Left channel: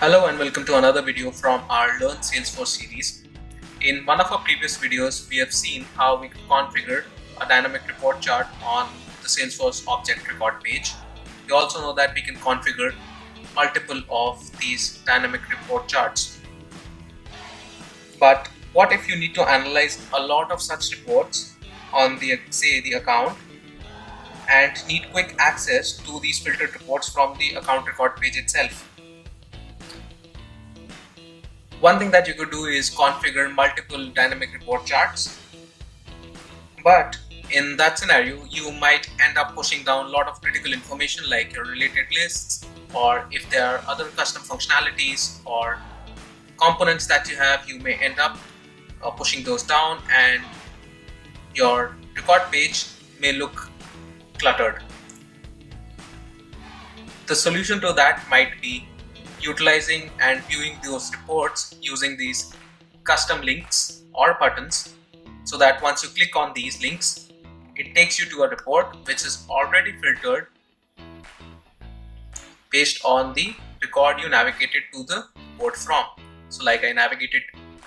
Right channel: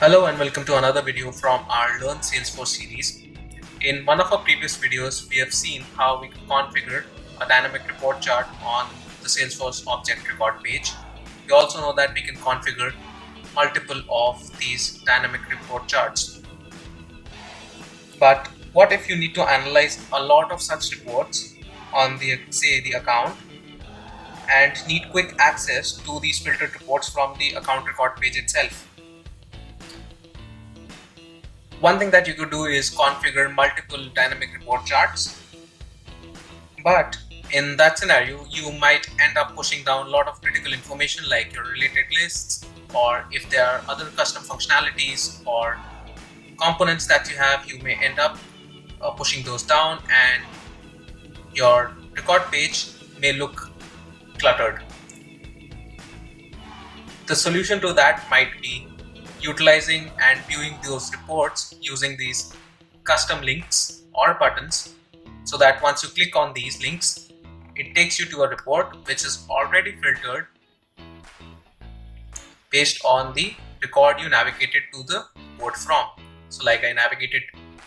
Hello and welcome to another video from our Learn Salesforce series. In one of our previous videos, we have seen how we can configure a dynamic report chart on the Salesforce object record page. We also know that we can configure multiple of these dynamic report charts. But what if you need to analyze a lot of such reports on the account and need quick access to these filtered reports from the account record page itself? One thing that you could do is configure multiple dynamic report charts, but in that scenario you might end up pushing down a lot of critical information like your related lists, or if there are other custom functionalities or components that you have, you may end up pushing those down and your record page may look cluttered. The solution to that might be utilizing and viewing those reports using these custom links or buttons, so that once you click on these links, it takes you to a report which is already filtered based on the record you navigated to the report from. So like I navigated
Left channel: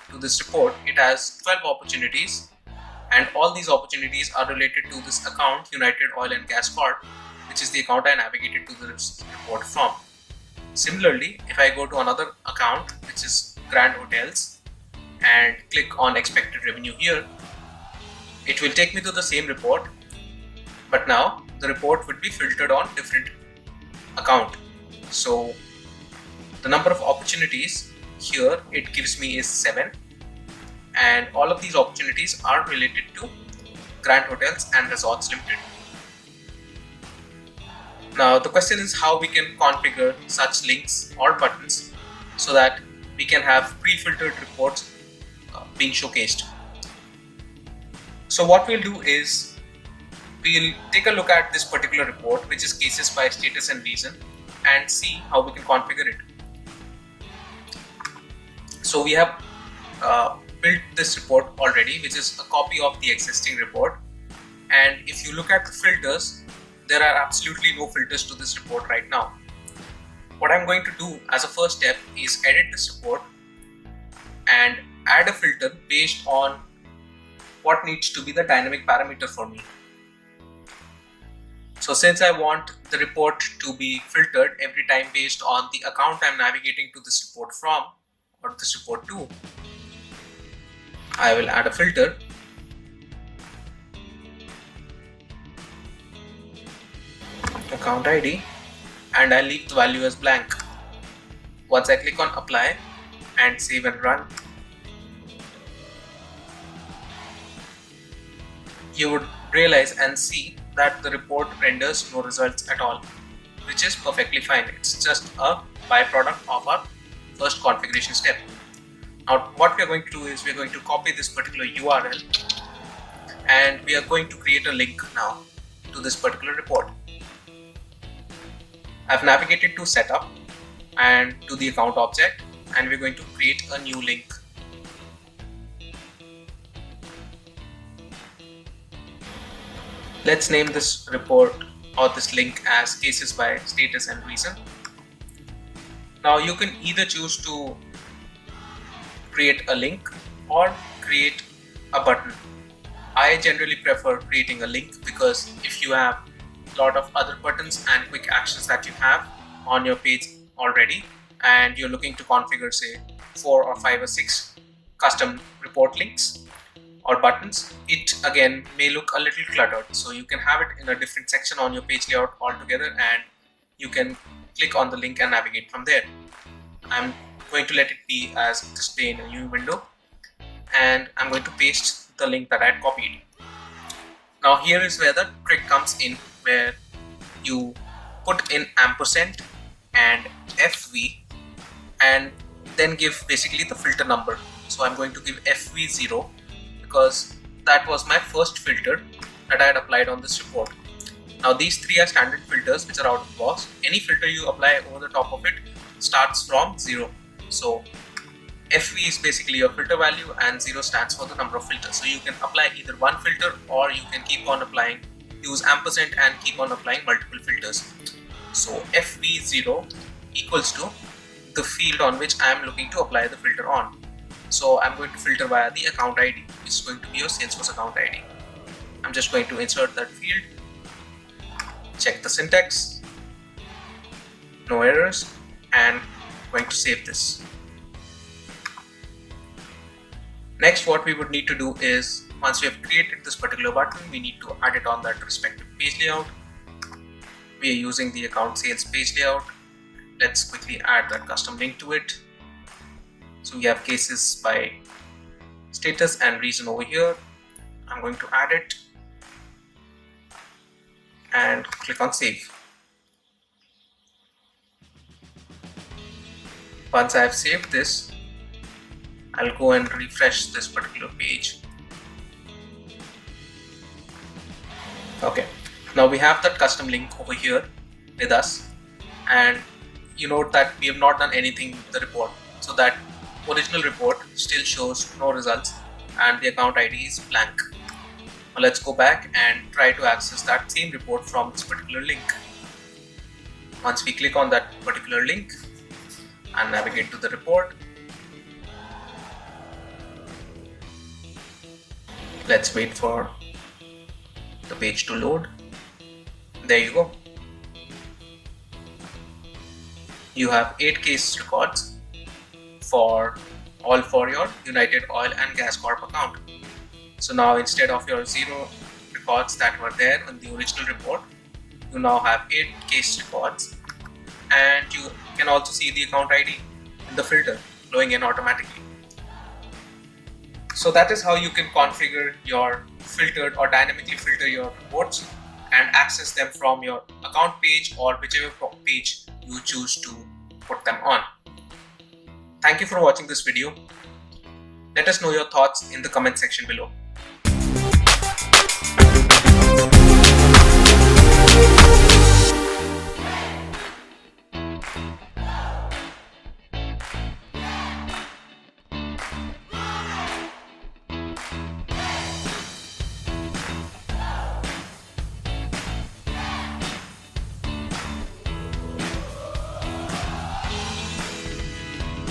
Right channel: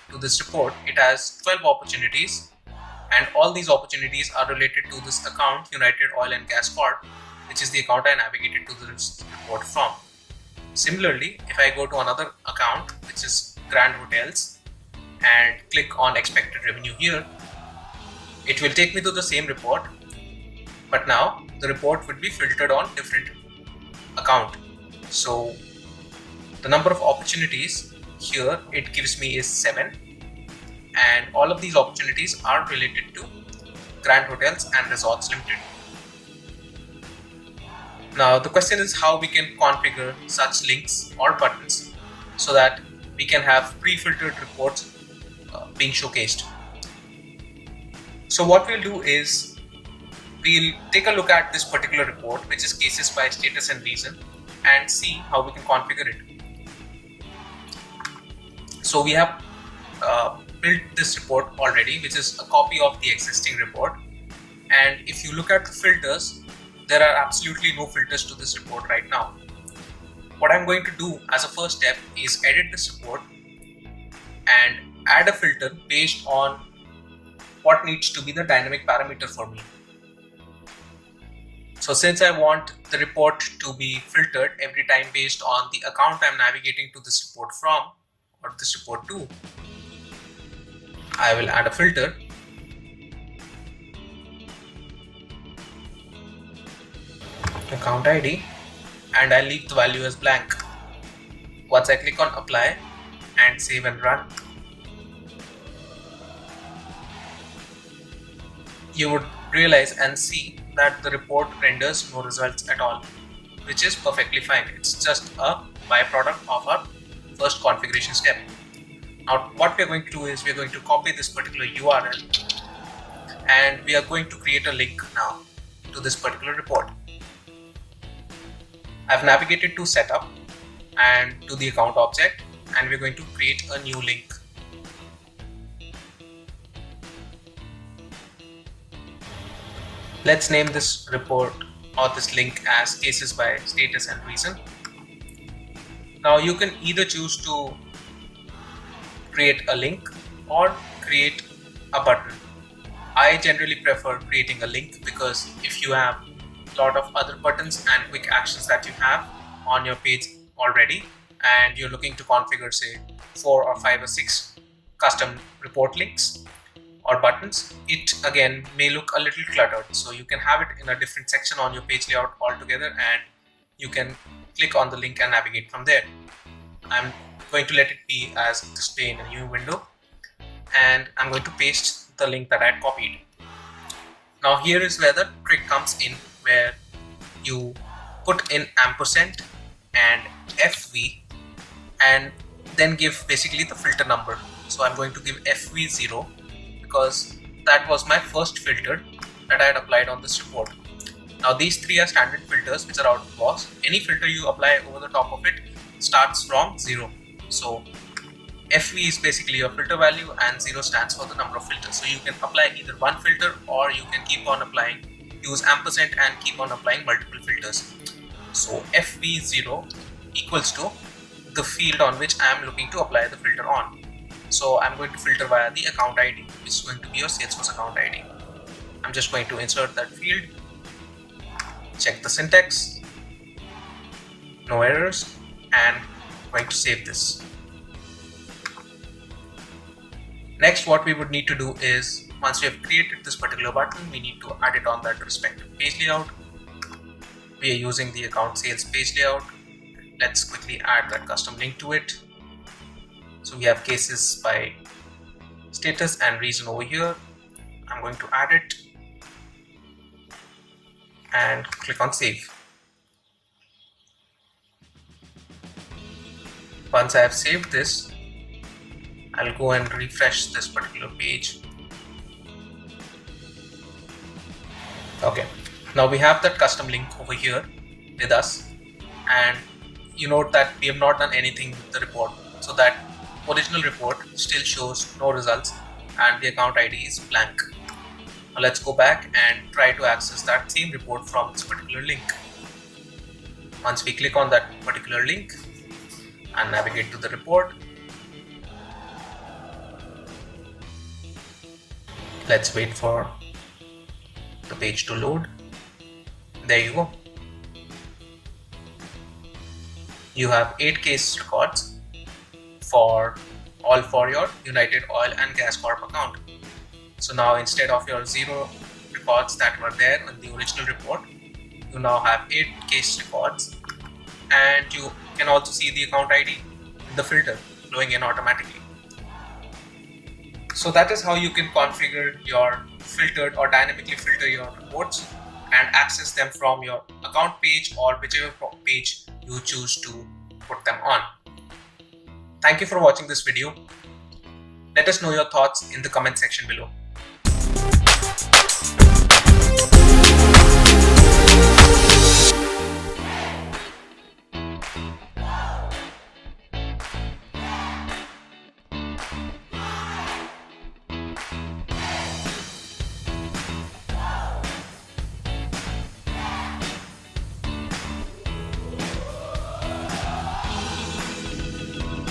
to this report, it has 12 opportunities and all these opportunities are related to this account United Oil and Gas Corp, which is the account I navigated to this report from. Similarly, if I go to another account which is Grand Hotels and click on expected revenue here, it will take me to the same report, but now the report would be filtered on different account. So the number of opportunities here it gives me is 7, and all of these opportunities are related to Grand Hotels and Resorts Limited. Now the question is how we can configure such links or buttons so that we can have pre-filtered reports being showcased. So what we'll do is we'll take a look at this particular report, which is cases by status and reason, and see how we can configure it. So we have built this report already, which is a copy of the existing report, and if you look at the filters, there are absolutely no filters to this report right now. What I'm going to do as a first step is edit this report and add a filter based on what needs to be the dynamic parameter for me. So since I want the report to be filtered every time based on the account I'm navigating to this report from or this report to, I will add a filter account ID and I leave the value as blank. Once I click on apply and save and run, you would realize and see that the report renders no results at all, which is perfectly fine. It's just a byproduct of our first configuration step. Now what we are going to do is we are going to copy this particular URL and we are going to create a link now to this particular report. I've navigated to setup and to the account object, and we're going to create a new link. Let's name this report or this link as cases by status and reason. Now you can either choose to create a link or create a button. I generally prefer creating a link because if you have a lot of other buttons and quick actions that you have on your page already and you're looking to configure say 4 or 5 or 6 custom report links or buttons, it again may look a little cluttered. So you can have it in a different section on your page layout altogether and you can click on the link and navigate from there. I'm going to let it be as display in a new window and I'm going to paste the link that I had copied. Now here is where the trick comes in, where you put in ampersand and FV and then give basically the filter number. So I'm going to give FV0 because that was my first filter that I had applied on this report. Now these three are standard filters which are out of the box. Any filter you apply over the top of it starts from 0. So FV is basically your filter value and 0 stands for the number of filters. So you can apply either one filter or you can keep on applying, use ampersand and keep on applying multiple filters. So FV0 equals to the field on which I am looking to apply the filter on. So I'm going to filter via the account ID, which is going to be your Salesforce account ID. I'm just going to insert that field, check the syntax, no errors, and I'm going to save this. Next, what we would need to do is, once we have created this particular button, we need to add it on that respective page layout. We are using the account sales page layout. Let's quickly add that custom link to it. So we have cases by status and reason over here. I'm going to add it and click on save. Once I have saved this, I'll go and refresh this particular page. Okay, now we have that custom link over here with us, and you note that we have not done anything with the report, so that original report still shows no results and the account ID is blank. Now let's go back and try to access that same report from this particular link. Once we click on that particular link and navigate to the report, let's wait for the page to load. There you go. You have 8 case records for your United Oil and Gas Corp account. So now, instead of your 0 records that were there in the original report, you now have 8 case records, and you can also see the account ID in the filter flowing in automatically. So that is how you can configure your filtered or dynamically filter your reports and access them from your account page or whichever page you choose to put them on. Thank you for watching this video. Let us know your thoughts in the comment section below.